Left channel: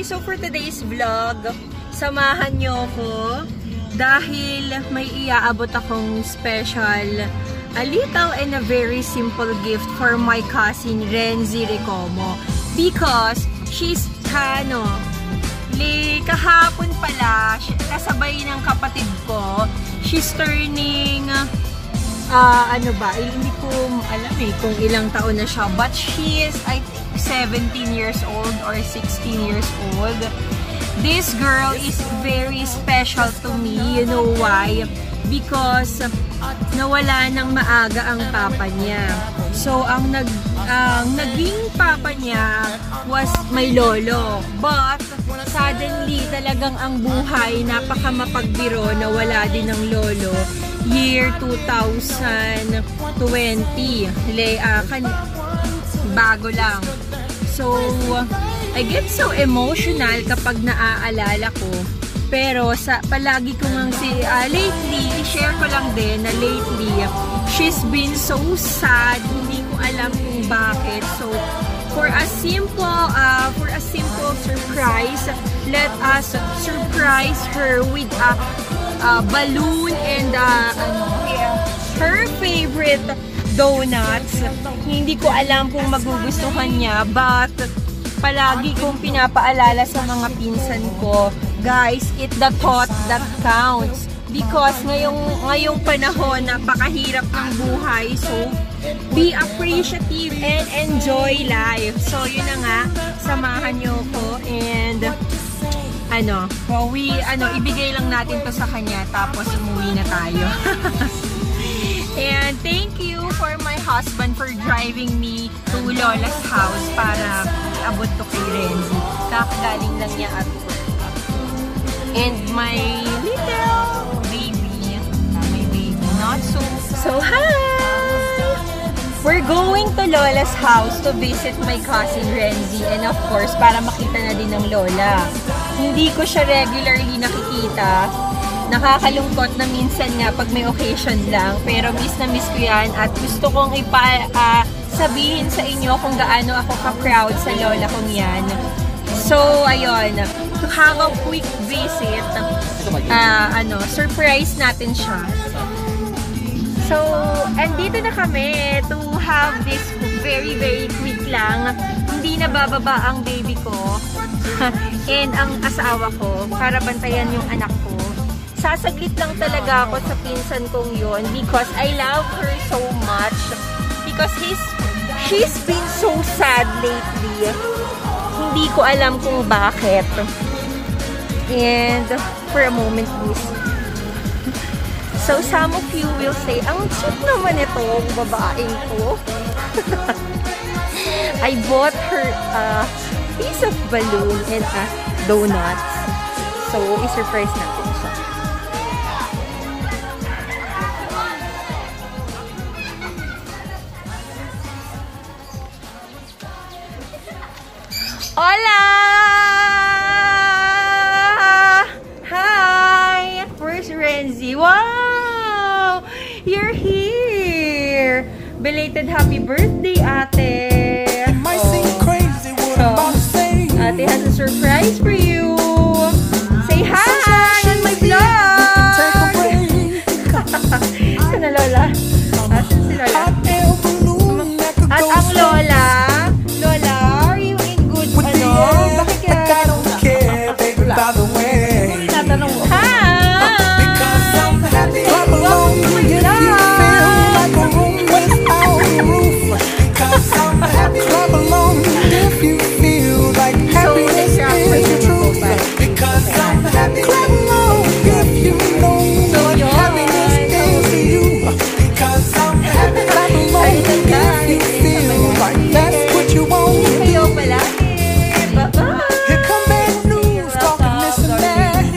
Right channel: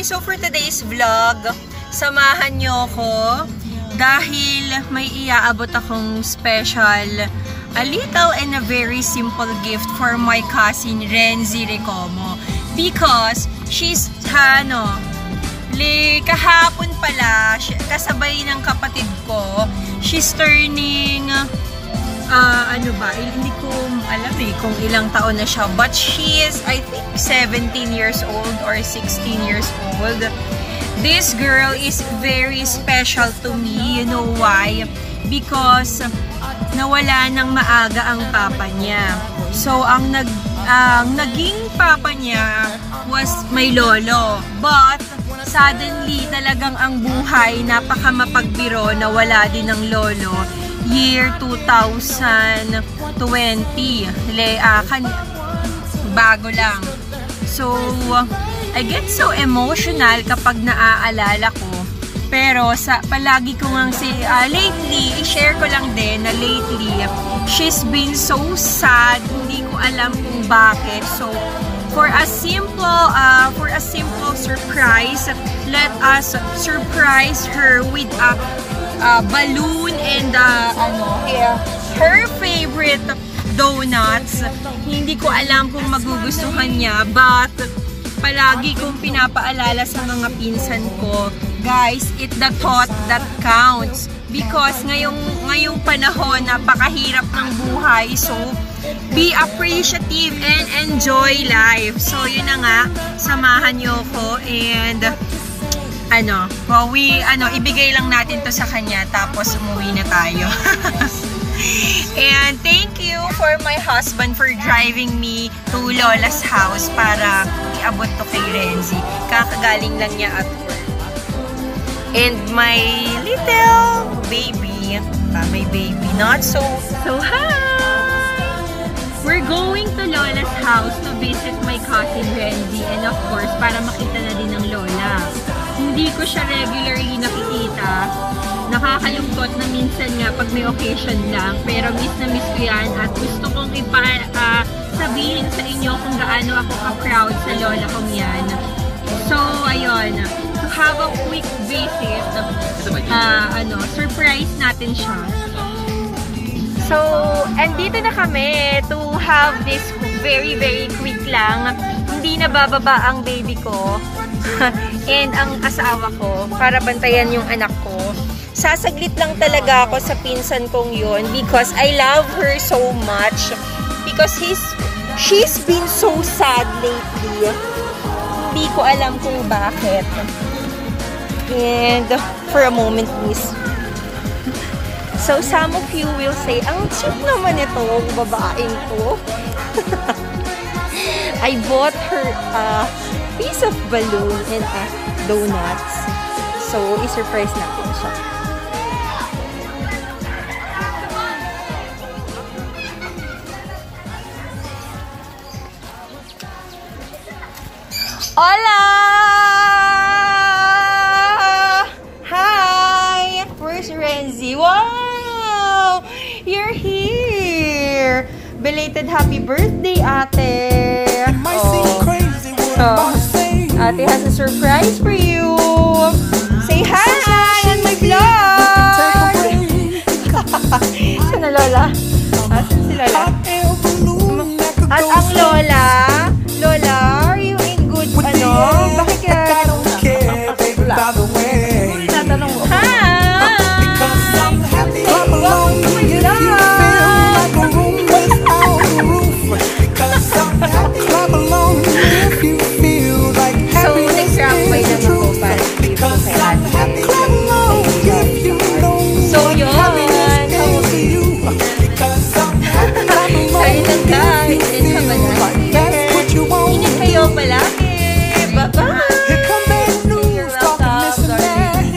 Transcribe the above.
Hi! So for today's vlog, samahan nyo ko dahil may iaabot akong special, a little and a very simple gift for my cousin Renzi Recomo. Because she's, kahapon pala, kasabay ng kapatid ko, she's turning, hindi ko alam kung ilang taon na siya. But she is, I think, 17 years old or 16 years old. This girl is very special to me. You know why? Because nawala ng maaga ang papa niya. So, ang naging papa niya was my lolo. But, suddenly, talagang ang buhay, napakamapagbiro na wala din ng lolo. Year 2020. Bago lang. So, I get so emotional kapag naaalala ko. Pero, palagi ko ngang lately, i-share ko lang din na lately, she's been so sad. Hindi ko alam kung bakit. So, for a simple surprise, let us surprise her with a balloon and her favorite donuts. Hindi ko alam kung magugustuhan niya, but palagi kong pinapaalala sa mga pinsan ko, guys, it's the thought that counts. Because ngayong panahon, napakahirap ng buhay. So, be appreciative and enjoy life. So, yun na nga, samahan niyo ko and ibigay lang natin to sa kanya tapos umuwi na tayo. And thank you for my husband for driving me to Lola's house para iabot to kay Renzi. Kakagaling lang niya at work. And my little baby, my baby, not so hi! We're going to Lola's house to visit my cousin Renzi and of course, para makita na din ng Lola. Hindi ko siya regularly nakikita. Nakakalungkot na minsan nga pag may occasion lang. Pero miss na miss ko yan at gusto kong sabihin sa inyo kung gaano ako ka-proud sa lola kong yan. So, ayun. To have a quick visit, surprise natin siya. So, andito na kami to have this very, very quick lang. Hindi na bababa ang baby ko and ang asawa ko para bantayan yung anak ko. Sasaglit lang talaga ako sa pinsan kong yun because I love her so much. Because she's been so sad lately. Hindi ko alam kung bakit. And for a moment, please. So, some of you will say, ang cute naman itong babaeng ko. I bought her a piece of balloon and donuts. So, i-surprise natin siya. Hola! Hi! Where's Renzi? Wow! You're here! Belated happy birthday, ate! Ate has a surprise for you.